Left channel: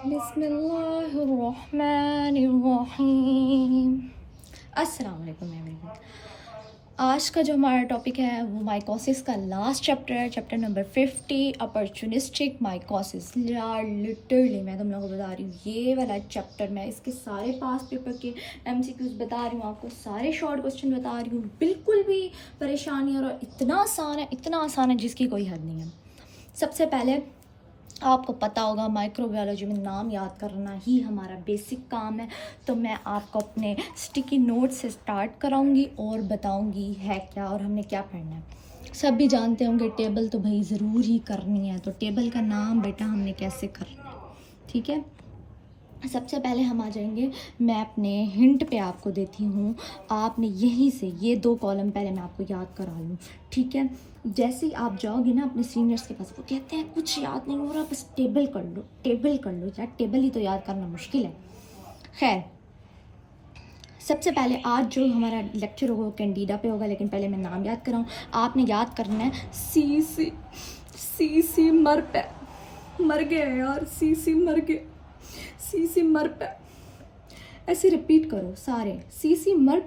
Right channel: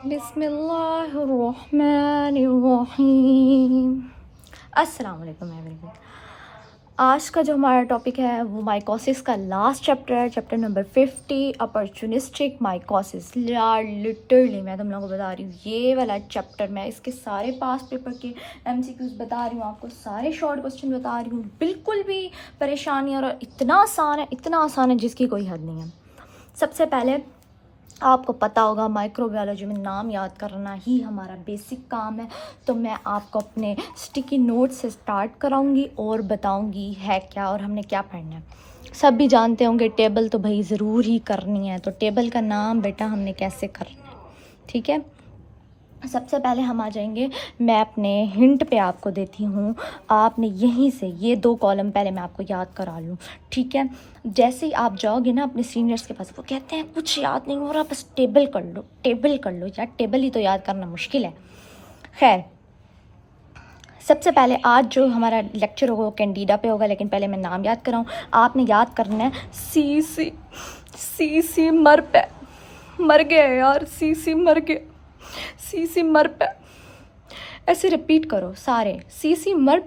बिस्मिल्लाहिर्रहमानिर्रहीम। अस्सलाम वालेकुम एवरीवन। आज का जो हमारा टॉपिक है वो माइकोसिस का लास्ट चैप्टर है, चैप्टर नंबर 50, अपॉर्चुनिस्टिक माइकोसिस। यार लिटरली मैं तुम लोगों को बता रही हूँ, ये वाला चैप्टर मैं इसके सारे पास पेपर के MCQs बता रही हूँ, आपको सारे शॉर्ट क्वेश्चन बता रही हूँ, बिल्कुल भी परेशानी और इतना आसान है जिसकी कोई हद नहीं है। सबसे पहले आपको पता होगा माइक्रोबायोलॉजी में नाम याद करना ही हमारा बेसिक काम है, तो मैं आपको अपने स्टिकी नोट से स्टार्ट कराऊंगी और बताऊंगी है क्या और हमने क्या पढ़ना है। सब भी जानते होंगे टेबल तो भाई ज़रूर ही करनी है, तो टेबल का नाम बेटा हमने कैसे करना है, ठीक है। सबसे पहले हम आ जाएंगे, मैं अपने हिंट पे आपको देती हूँ, आपने यहीं से ये 2 कॉलम पहले मैं आपको याद करा लूँ, ठीक है। जैसे ही आप जाओगे ना अपने सीनियर्स के पास, वो कहते हैं कुछ याद नहीं हो रहा, बस टेबल कर लो यार, टेबल ही तो याद करना मुश्किल है। खैर, सबसे पहले आज जो हमारा लेक्चर होगा वो कैंडिडा पे होगा, लेकिन पहले मैं नाम याद कराऊँ। आपने याद करना है सी मर गया यार, सी मर पे, ऐसे रिपीट करो सारे, सी मर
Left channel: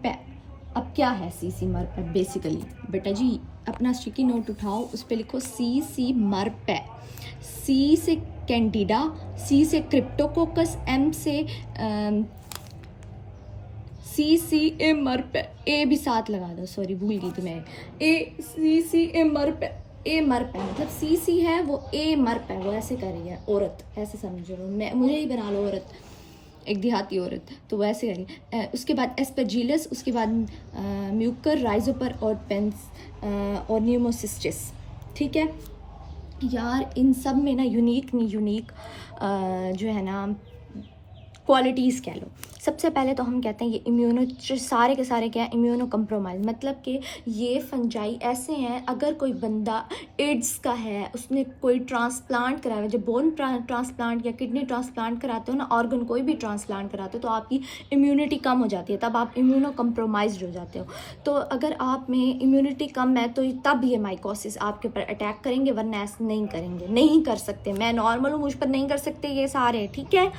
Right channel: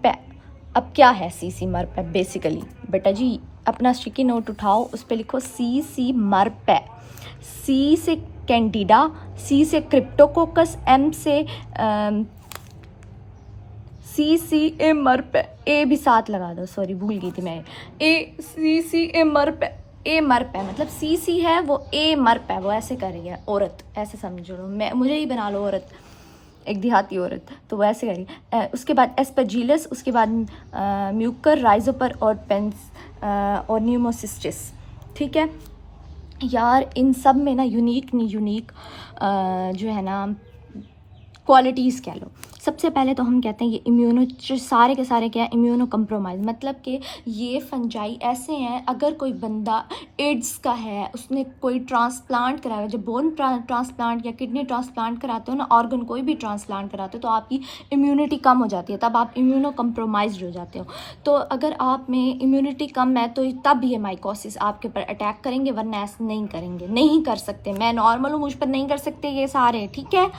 पे। अब क्या है सी मर पे? बेसिकली बेटा जी अपना स्टिकी नोट उठाओ, उस पर लिखो सी मर पे। सी से कैंडिडा, सी से क्रिप्टोकोकस, एम से सी ए मर पे, ए भी साथ लगा दो, सॉरी भूल गई थी मैं, ए मर पे, ए मर पे मतलब सी है वो, ए मर पे वो ऐसे कर रही है औरत, ऐसे समझ लो, मैं मुझे ही बना लो औरत, एक देहाती औरत, तो वैसे करी। उसके बाद एस्परजिलस, उसके बाद म्यूकर, राइजोपर और पेंस और न्यूमोसिस्टिस, ठीक है यार। इन सब में ना यूनिक जो है ना क्वालिटीज़ कह लो। सबसे पहले तो हम कहते हैं ये इम्यूनो, सारे के सारे क्या है, इम्यूनो कम्प्रोमाइज़, मतलब कि ये फंजाई ऐसे हैं, अगर कोई बंदा एड्स का है, उसने कोई ट्रांसप्लांट कराया, जब बोन ट्रांसप्लांट या किडनी ट्रांसप्लांट कराते हो ना, ऑर्गन कोई भी ट्रांसप्लांट कराते हो, तो आपकी इम्यूनिटी कम हो जाती है, तब आप इम्यूनो कम्प्रोमाइज हो जाते हो। तो अगर आप में इम्यूनिटी कम है तो तब ये माइकोसिस आपके ऊपर अटैक करेंगे, वरना ऐसे नहीं करेंगे, नहीं कर सकते। मैं नॉर्मल हूँ, मुझ पर नहीं कर सकते ये सारे, ठीक है।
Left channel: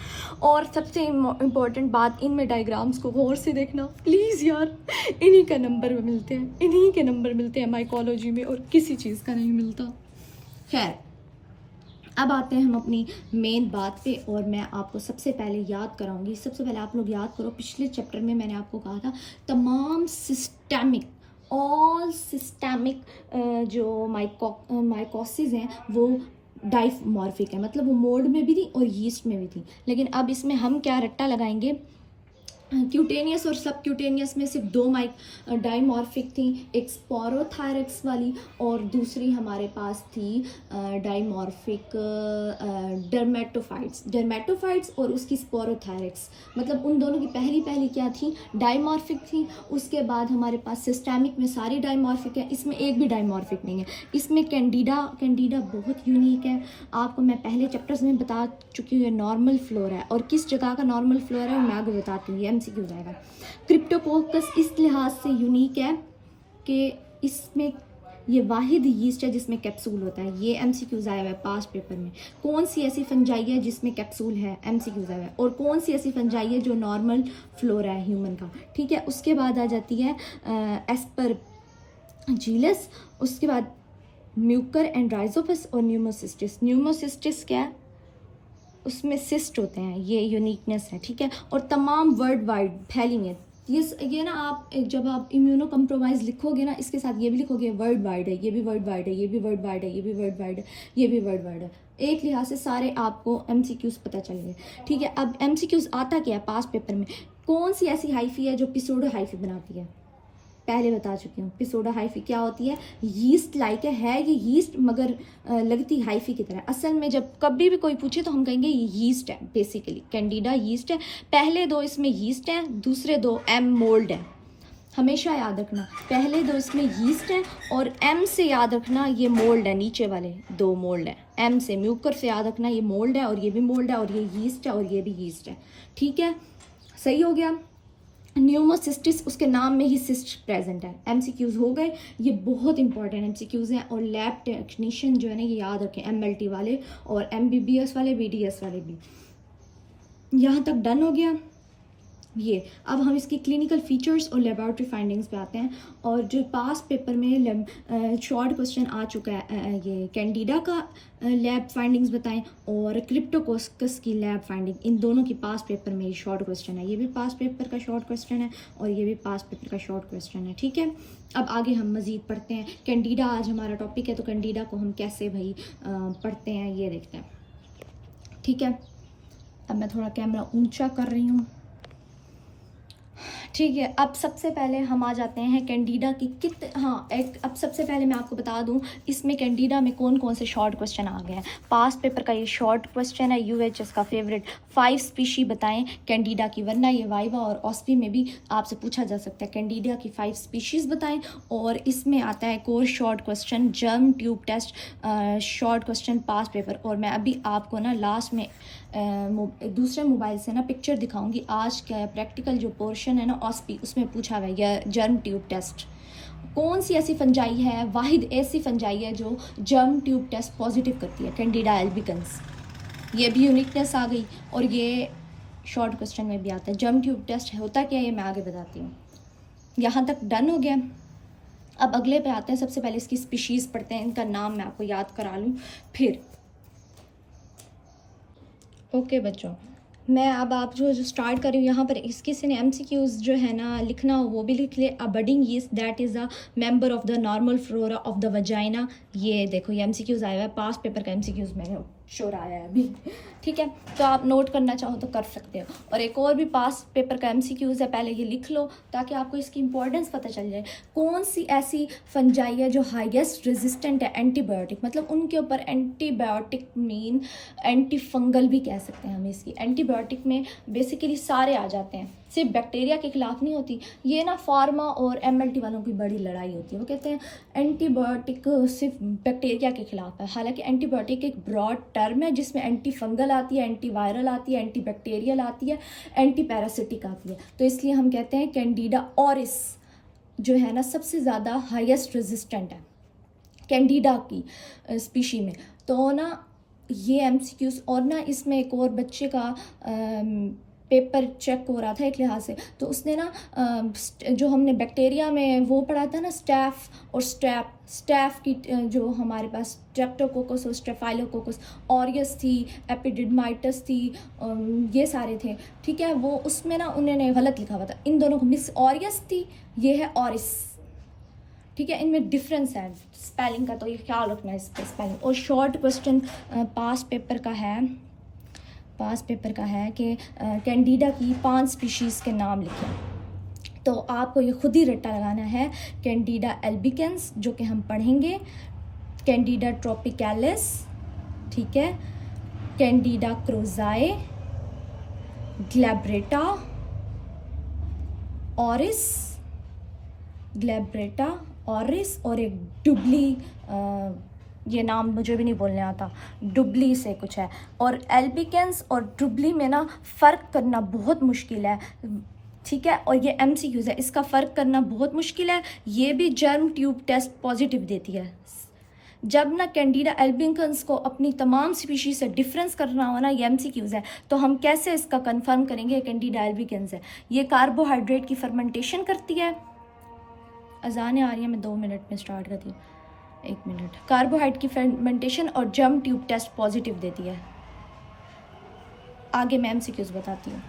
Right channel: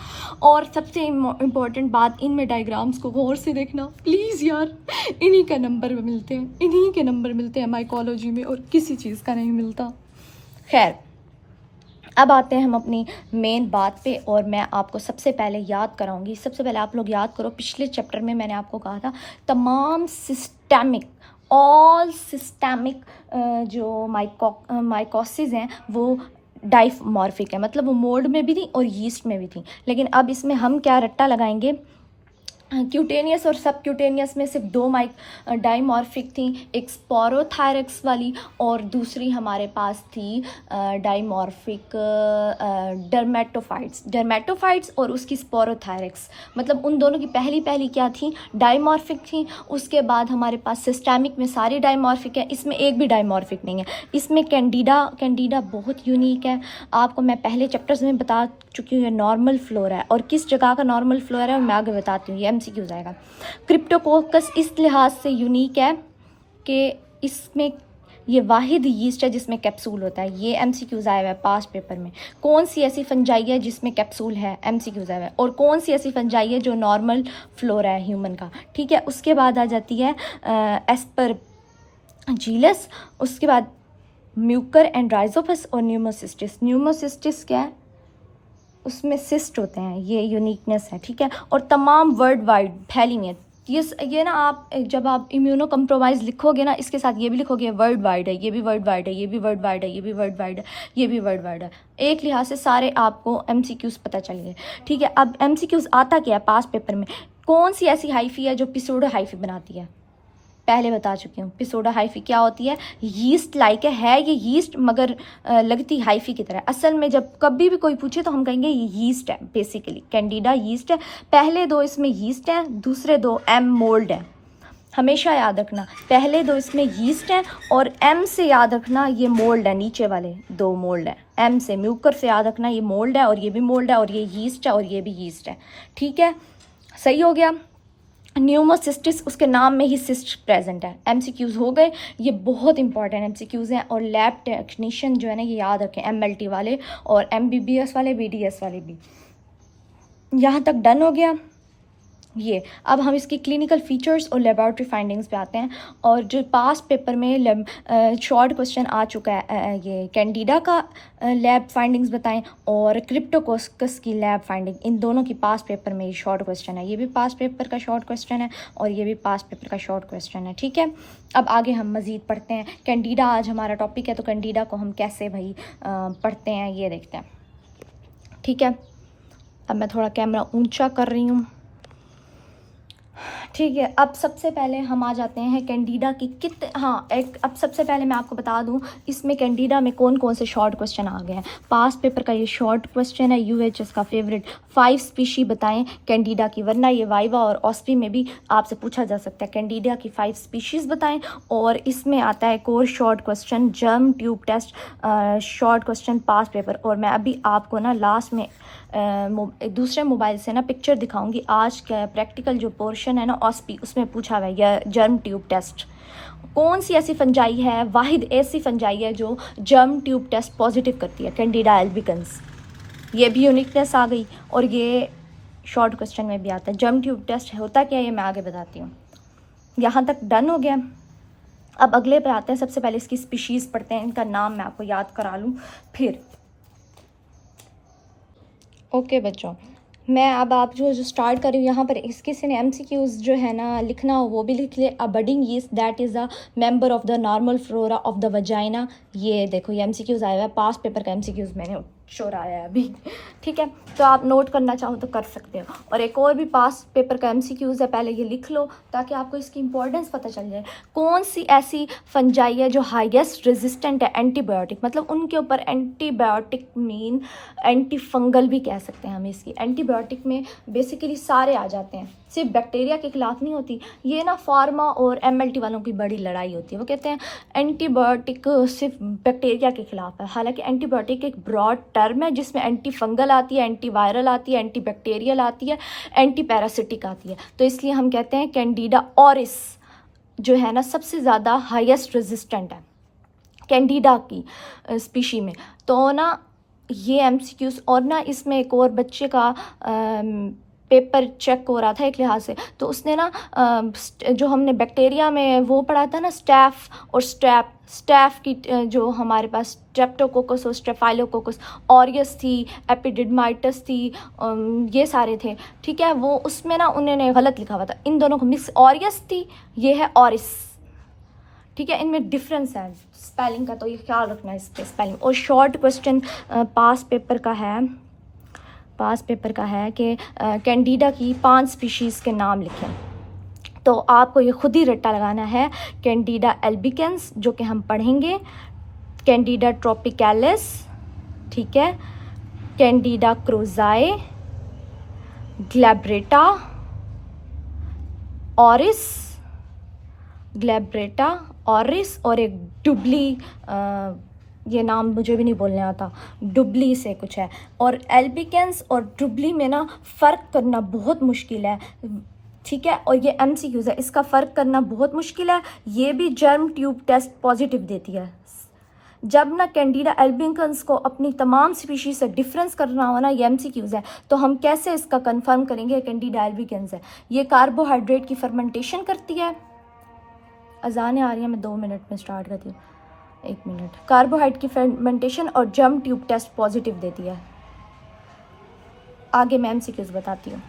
और सबसे इम्पोर्टेंट बात, इनमें डायग्राम्स को गौर से देखना प्लीज़ यार, इन्हीं के नंबर मिलते हैं माइकोलॉजी में, और किसी चीज़ का नहीं मिलता। खैर, अब आते हैं हम अपनी मेन बात पे, और मैं आपको सबसे पहले याद कराऊंगी। सबसे पहले आप लोग याद करो, पिछले चैप्टर में मैंने आपको कहा था तमाम ऑल सिस्टेमिक जो माइकोसिस हैं वो डाइमॉर्फिक है, मतलब वो मोल्ड में भी थी और यीस्ट में भी थी। लेकिन अब इसमें हम क्या रट्टा लगाएंगे, क्यूटेनियस और सब क्यूटेनियस में सिर्फ 2 डाइमॉर्फिक थी, एक स्पोरोथायरक्स वाली और दूसरी हमारे पास थी डाइमॉर्फिक डर्मेटोफाइट्स और उसकी स्पोरोथायरक्स, मतलब उन दोनों की पहली क्या थी, डाइमॉर्फिक थी। उसके बाद हमारे पास सिस्टेमिक में सारी डाइमॉर्फिक है, इसमें एक भी डाइमॉर्फिक नहीं है। इसमें कैंडिडा बहुत यूनिक है, आपको मैं पहले चैप्टर्स में बता चुकी हूँ, नॉर्मल फ्लोरा है, और किस जगह का नॉर्मल फ्लोरा है मैं आगे बताती हूँ, ये MCQ आएगा। क्रिप्टोकोकस इस लिहाज से यूनिक है कि इसमें ये वाहिद यीस्ट है जिसमें कैप्सूल होता है, ये MCQ आया हुआ है पास्ट पेपर में। कौन सी ऐसी फंजाई है जिसमें कैप्सूल है, MCQ आया हुआ है, और कौन सी ऐसी फंजाई है जो नॉर्मल फ्लोरा है ह्यूमन का, ठीक है। उसके बाद आ जाती है एस्परजिलस, उसके बाद म्यूकर एंड राइजोपस और न्यूमोसिस्टिस क्या है, उसमें सिस्ट होते हैं, ये यूनिकनेस है, ठीक है। और तमाम वर्ल्ड वाइड फैली हुई है ये ना, आप जब आप इम्यूनो कम्प्रोमाइज़ लिखोगे ना, इसके साथ ये भी लिखोगे वर्ल्ड वाइड है, ये भी वर्ल्ड वाइड है, ये भी वर्ल्ड वाइड है, ये भी वर्ल्ड वाइड है, ये भी वर्ल्ड वाइड है। एक लिहाज से सारे आपको MCQs पता चल गए, ठीक है। अब MCQs आता क्या है पास्ट पेपर में, कौन सी ऐसी हाइफी है जो पिसोडो हाइफी बनाती है, पहले बता चुकी हूँ। पिसोडा हाइफी क्या होती है, यीस्ट लाइक है ये यीस्ट, मगर लगती हाइफी की तरह। असल में जब कभी भी कोई पूछे तो हम कहेंगे ये यीस्ट है, बेसिकली कैंडिडा यीस्ट है। पहले 2 इसमें यीस्ट है, दूसरे 2 M मोल्ड है, हमेशा याद रखना, पहले 2 इसमें यीस्ट है, और M से याद रखना ये मोल्ड है, नीचे वाले 2 मोल्ड है। M से म्यूकर से याद रखना ये मोल्ड है, और ये भी मोल्ड है, और ये यीस्ट है, और ये भी यीस्ट है, ठीक है। सही हो गया। न्यूमोसिस्टिस, उसके नाम में ही सिस्ट प्रेजेंट है। एमसीक्यूज हो गए, ये बहुत इंपॉर्टेंट एमसीक्यूज हैं। और लैब टेक्नीशियन जो है ना, ये याद रखें, एमएलटी वाले और एमबीबीएस वाले, बीडीएस वाले भी। यहाँ तक डन हो गया ये। अब हम इसकी क्लिनिकल फीचर्स और लेबॉरेटरी फाइंडिंग्स पे आते हैं। और जो पास पेपर में शॉर्ट क्वेश्चन आ चुका है, ये कैंडिडा का लैब फाइंडिंग्स बताएं और क्रिप्टोकोकस की लैब फाइंडिंग, इन दोनों की पास पेपर में ये शॉर्ट क्वेश्चन है। ये भी पास पेपर का शॉर्ट क्वेश्चन है और ये भी पास पेपर का शॉर्ट क्वेश्चन है, ठीक है। अब आगे हम मज़ीद पढ़ते हैं। कैंडिडा आज हमारा टॉपिक है, तो कैंडिडा को हम कैसे भाई पढ़ते हैं ये देखते हैं, ठीक है। अब मैं थोड़ा कैमरा ऊंचा कर रही हूँ, ठीक है। अब सबसे पहले हम आ जाते हैं कैंडिडा की अब सबसे पहले मैं आपको बता दूं, इसमें कैंडिडा में कौन कौन से शॉर्ट क्वेश्चन आ गए हैं। पास पेपर का ये शॉर्ट क्वेश्चन है, यूएचएस का फेवरेट, 5 स्पीशी बताएं कैंडिडा की, वरना ये वाइवा और ऑस्पी में भी आपसे पूछा जा सकता है, कैंडिडा की 5 स्पीशीज़ बताएं। और इसमें आता है core short question, germ tube test short question past paper. और मैं अभी आपको ना लास्ट में दूसरे मोबाइल से ना पिक्चर दिखाऊंगी। आज का प्रैक्टिकल जो पोर्शन है ना ऑस्पी, उसमें पूछा हुआ है यह जर्म ट्यूब टेस्ट। कौन सी ऐसी फंजाई है, वाहिद ऐसी फंजाई है जो जर्म ट्यूब टेस्ट पॉजिटिव करती है, कैंडिडा एल्बिकन्स। ये भी यूनिकनेस आ गई और ये शॉर्ट क्वेश्चन में भी आता है। जर्म ट्यूब टेस्ट होता क्या है ये मैं आगे बताती हूँ। यहाँ तक डन हो गया। अब अगले पे आते हैं। सबसे पहले इसकी स्पीशीज़ पढ़ते हैं, इनका नाम मैं आपको याद करा लूँ फिर। ओके बच्चों, मैं अब आप जो स्टार्ट कर रही हूँ, यहाँ पर इसके से एमसीक्यूज जो है ना लिखना हो वो भी लिख ले। अ budding yeast that is a member of the normal flora of the vagina. ये देखो ये एमसीक्यूज आया हुआ है, पास पेपर का एमसीक्यूज मैंने शोर आया है अभी, ठीक है। तो आप नोट करना चाहो तो कर सकते हो। और एक और भी पास पेपर का एमसीक्यूज है, पहले ये लिख लो ताकि आपको इसकी इंपॉर्टेंस पता चल जाए। कौन सी ऐसी फंजाई है जो हाईएस्ट रेजिस्टेंट है एंटीबायोटिक, मतलब उनके ऊपर एंटीबायोटिक मीन एंटी फंगल भी कह सकते हैं हम इसकी। एंटीबायोटिक में बेसिकली सारे आ जाते हैं, सिर्फ बैक्टीरिया के खिलाफ नहीं होती। ये ना फार्मा और एमएलटी वालों की बड़ी लड़ाई होती है। वो कहते हैं एंटीबायोटिक सिर्फ बैक्टीरिया के खिलाफ है, हालांकि एंटीबायोटिक एक ब्रॉड टर्म है जिसमें एंटी फंगल आती है, एंटी वायरल आती है, एंटी बैक्टीरियल आती है, एंटी पैरासिटिक आती है। तो इसलिए हम कहते हैं कैंडिडा ऑरिस जो है ना सबसे ज़्यादा हाईएस्ट रेजिस्टेंट है कैंडिडा की स्पीशी में। तो ना ये एमसीक्यूज, और ना इसमें एक और बच्चे का पेपर चेक हो रहा था एक लिहाज से, तो उसने ना जो हमने बैक्टीरिया में वो पढ़ा था ना स्टैफ और स्टैफ की जो हमारे पास स्ट्रेप्टोकोकस और स्टेफाइलोकोकस, ऑरियस थी, एपिडिडमाइटस थी, ये सारे थे, ठीक है। वो उसमें ना उन्होंने गलत लिखा हुआ था, इन दोनों को मिक्स, ऑरियस थी, ये है ऑरिस, ठीक है। इनमें डिफरेंस है स्पेलिंग का, तो ये ख्याल रखना है इस पर स्पेलिंग। और शॉर्ट क्वेश्चन पास पेपर का है कि कैंडिडा की 5 स्पीशीज़ के नाम लिखें। तो आपको ये खुद ही रट्टा लगाना है। कैंडिडा एल्बिकेंस जो कि हम पढ़ेंगे, कैंडिडा ट्रॉपिकैलिस, ठीक है, कैंडिडा क्रोजाए, ग्लैब्रेटा ऑरिस और एक डुबली, ये नाम मुझे भी नहीं बोलने आता, डुबली से कुछ है। और एल्बिकेंस और डुबली में ना फ़र्क करना बहुत मुश्किल है, ठीक है। और ये एमसीक्यूज़ है, इसका फ़र्क करना बहुत मुश्किल है। ये भी जर्म ट्यूब टेस्ट पॉजिटिव देती है। जब ना कैंडिडा एल्बिकेंस को अपनी तमाम स्पीशीज से डिफरेंस करना हो ना, ये एमसीक्यूज़ है, तो हम कैसे इसका कंफर्म करेंगे कैंडिडा एल्बिकेंस है। ये कार्बोहाइड्रेट की फर्मेंटेशन करती है। अजानें आ रही हैं, मैं 2 मिनट में स्टार्ट करती हूँ, 1 मिनट। कार्बोहाइड्रेट की फर्मेंटेशन और जर्म ट्यूब टेस्ट पॉजिटिव देती है। आगे मैं एमसीक्यूज़ बताती हूँ।